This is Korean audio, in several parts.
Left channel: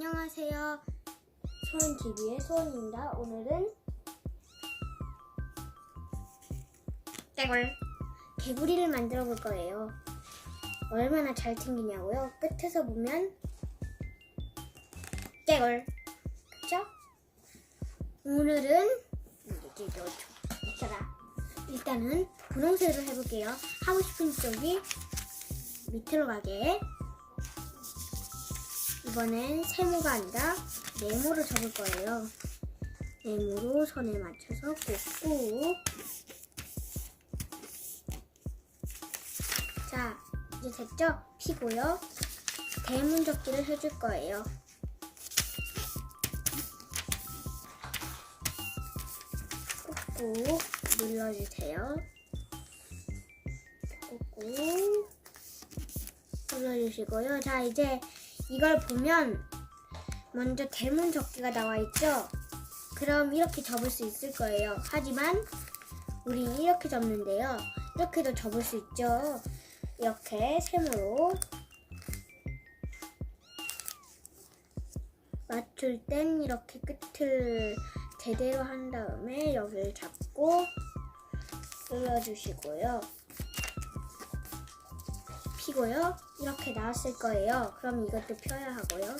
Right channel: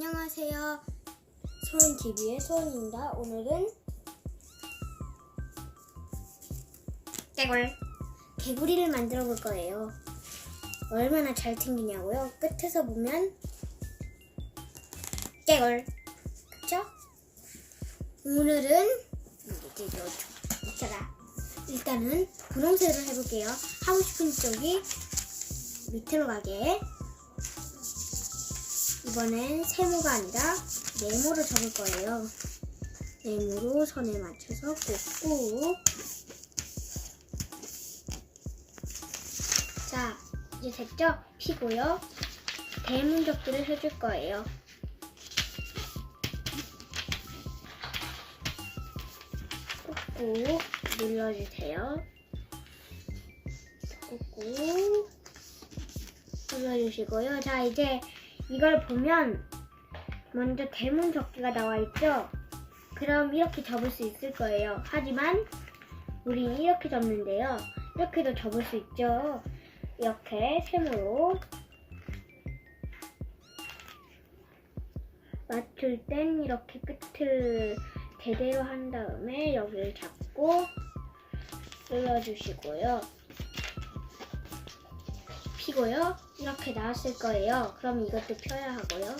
안녕하세요. 소은TV의 소은입니다. 오늘은 개구리를 만들어 볼 거예요. 얼마나 잘 튕기냐고요? 끝에서 보면 개굴. 그쵸? 오늘은 일단은 분홍색으로 해볼게요. 하고 싶은 쪽이 밑으로 가게. 이번엔 세모가 아니라 네모로 접을 거예요. 네모로 선에 맞춰서 꾹꾹. 자, 이제 됐죠? 피고요. 대문접기를 해줄 거예요. 꾹꾹 눌러주세요. 꾹꾹 눌러주시고요. 자, 이제 이걸 보면 먼저 대문 접기가 나와 있죠? 그럼 이렇게 접을 수 있을 거예요. 하지만 우리 이렇게 접는데요. 이렇게도 접을 수 있죠. 이렇게 세모로 맞출 땐 이렇게 끝을 제대로 한 다음에 여기를 잡고 눌러주시고요. 피고요. 이렇게 나왔을 거예요. 그럼 이것도 펴야 하고요.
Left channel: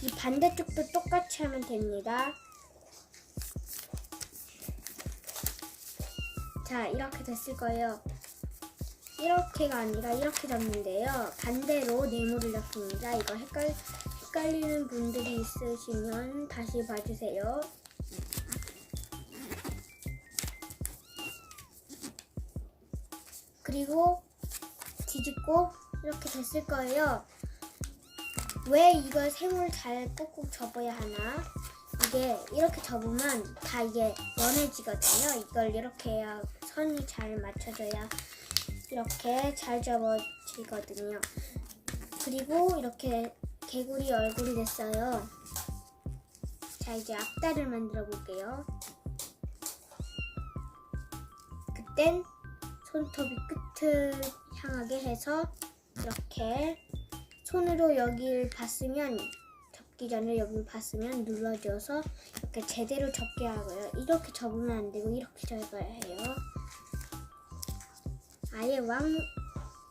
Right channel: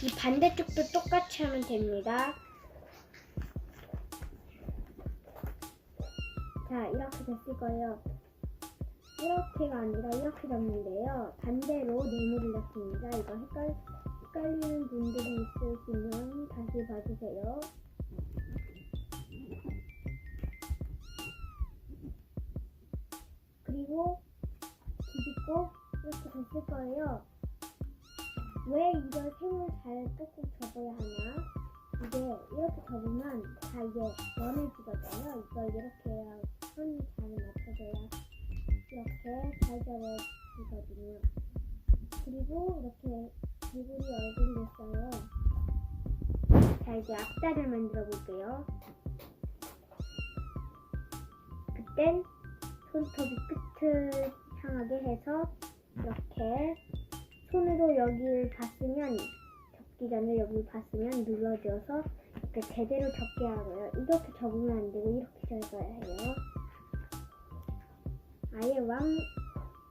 이 반대쪽도 똑같이 하면 됩니다. 자, 이렇게 됐을 거예요. 이렇게가 아니라 이렇게 잡는데요. 반대로 네모를 잡습니다. 이거 헷갈리는 분들이 있으시면 다시 봐주세요. 그리고 뒤집고 이렇게 됐을 거예요. 왜 이걸 세모를 잘 꾹꾹 접어야 하나? 이게 이렇게 접으면 다 이게 원해지거든요. 이걸 이렇게 해야 선이 잘 맞춰져야 이렇게 잘 접어지거든요. 그리고 이렇게 개구리 얼굴이 됐어요. 자, 이제 앞다리를 만들어 볼게요. 그땐 손톱이 끝을 향하게 해서 이렇게 손으로 여기를 봤으면 접기 전에 여기를 봤으면 눌러줘서 이렇게 제대로 접게 하고요. 이렇게 접으면 안 되고 이렇게 접어야 해요.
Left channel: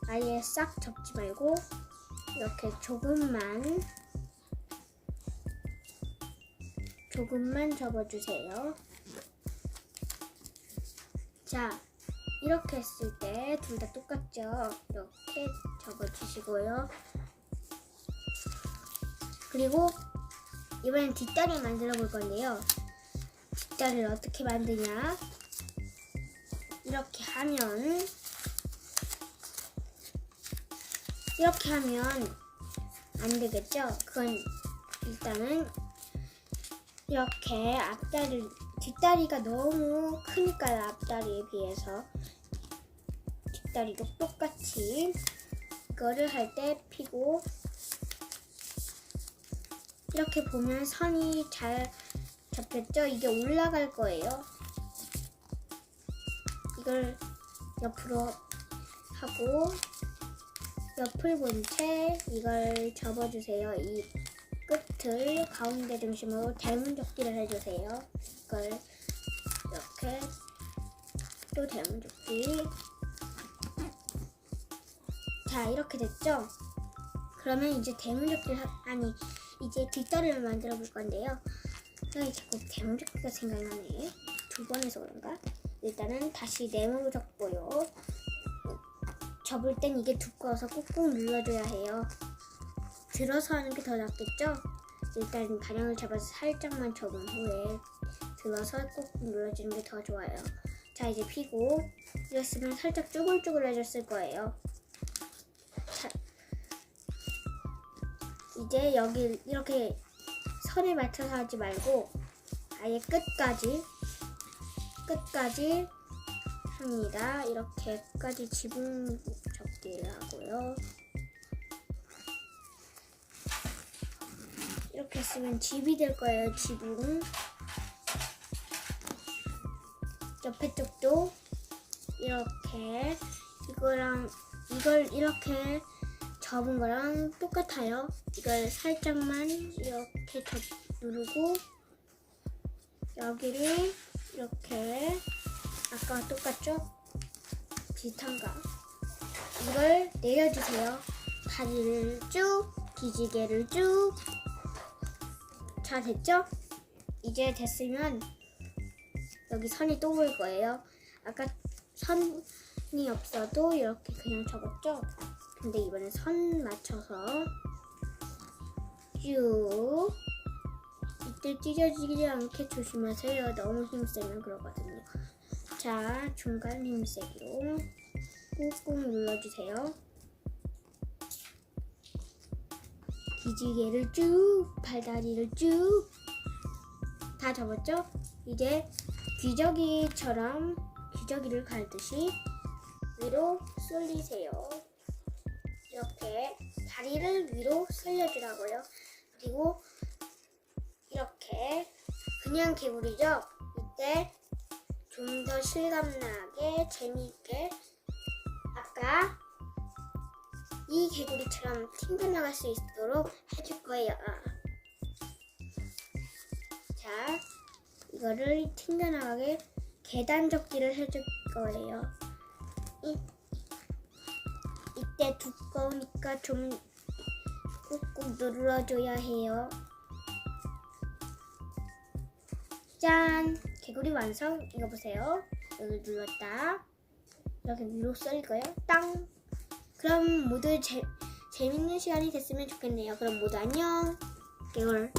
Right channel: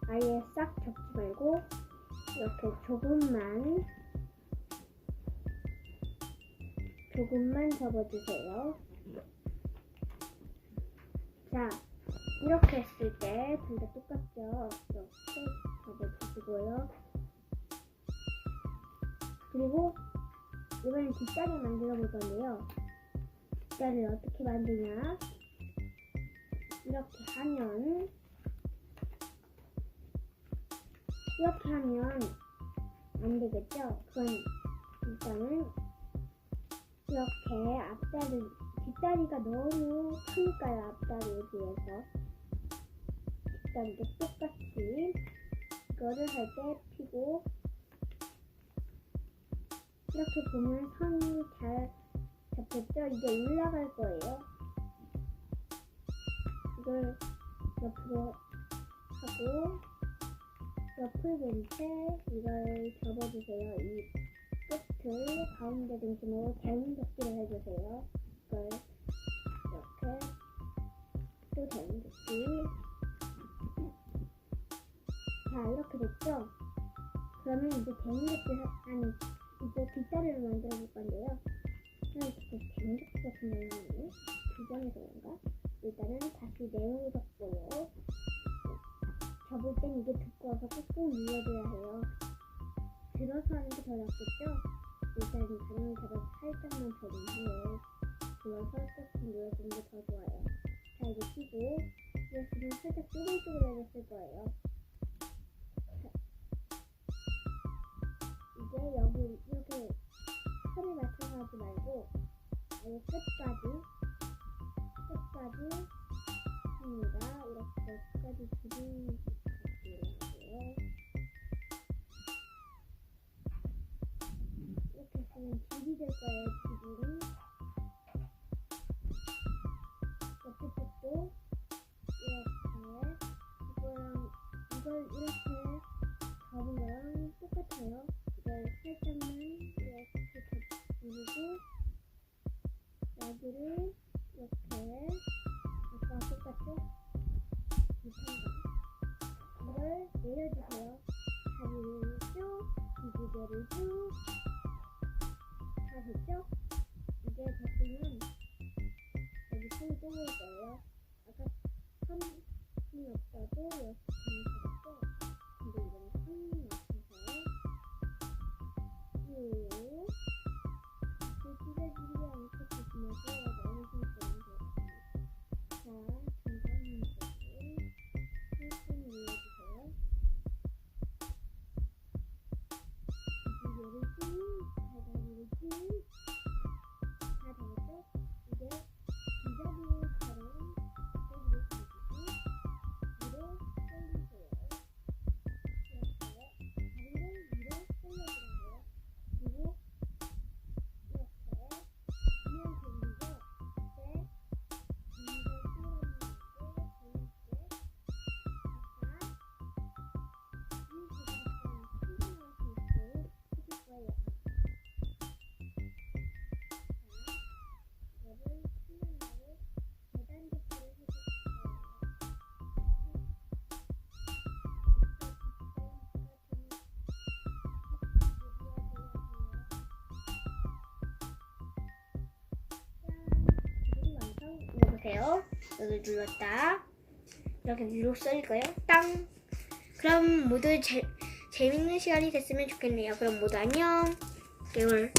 아예 싹 접지 말고 이렇게 조금만 접어주세요. 자, 이렇게 했을 때 둘 다 똑같죠? 이렇게 접어주시고요. 그리고 이번엔 뒷다리 만들어 볼 건데요. 뒷다리를 어떻게 만드냐? 이렇게 하면 안 되겠죠? 그건 일단은 이렇게 뒷다리가 너무 크니까요. 앞다리에 비해서 뒷다리도 똑같이 이거를 할 때 피고 이렇게 보면 선이 잘 잡혔죠? 이게 올라갈 거예요. 이걸 옆으로 하고 옆을 본 채 이걸 접어주세요. 이 끝을 가운데 중심으로 대문접기를 해주세요. 이걸 이렇게 또 대문접기. 자, 이렇게 됐죠? 그러면 이제 이제 뒷다리를 만들어 볼 건데요. 자꾸 대문접기가 생각나네. 두 번 해서 그런가? 일단은 다시 네모로 접고요. 접을 땐 이게 두꺼워서 꾹꾹 눌러줘야 해요. 들어서 하는 게 더 낫겠죠? 일단 가량을 잡아서 살짝만 접은 후에 들어서 꾹꾹 눌러주는 게 더 좋아요. 자, 이제 피고 이랬으면 살짝 쭈글쭈글해졌을 거예요. 자, 이제 여기 이렇게 선에 맞춰서 하지 말고 아예 끝까지 합니다. 이렇게 끝까지 지붕 접기를 하고요. 이렇게 했으면 집이 될 거예요. 지붕. 옆에 쪽도 이렇게 이걸 이렇게 접은 거랑 똑같아요. 이걸 살짝만 이렇게 누르고 여기를 이렇게 아까와 똑같죠? 비슷한가? 이걸 내려주세요. 다리를 쭉, 기지개를 쭉. 자, 됐죠? 이제 됐으면 여기 선이 또 보일 거예요. 아까 선이 없어도 이렇게 그냥 접었죠? 근데 이번엔 선 맞춰서 쭉. 이때 찢어지지 않게 조심하세요. 너무 힘세면 그러거든요. 자, 중간 힘세기로 꾹꾹 눌러주세요. 기지개를 쭉, 발다리를 쭉. 다 접었죠? 이제 귀저귀처럼 귀저귀를 갈듯이 위로 쏠리세요. 이렇게 다리를 위로 쏠려주라고요. 그리고 이렇게 그냥 개구리죠? 이때 좀 더 실감나게 재미있게 아까 이 개구리처럼 튕겨나갈 수 있도록 해줄 거예요. 자, 이거를 튕겨나가게 계단 접기를 해줄 거예요. 이때 두꺼우니까 좀 꾹꾹 눌러줘야 해요. 짠! 개구리 완성! 이거 보세요. 여기 눌렀다. 이렇게 위로 쏠릴 거예요. 땅! 그럼 모두 재밌는 시간이 됐으면 좋겠네요. 그럼 모두 안녕! 개울.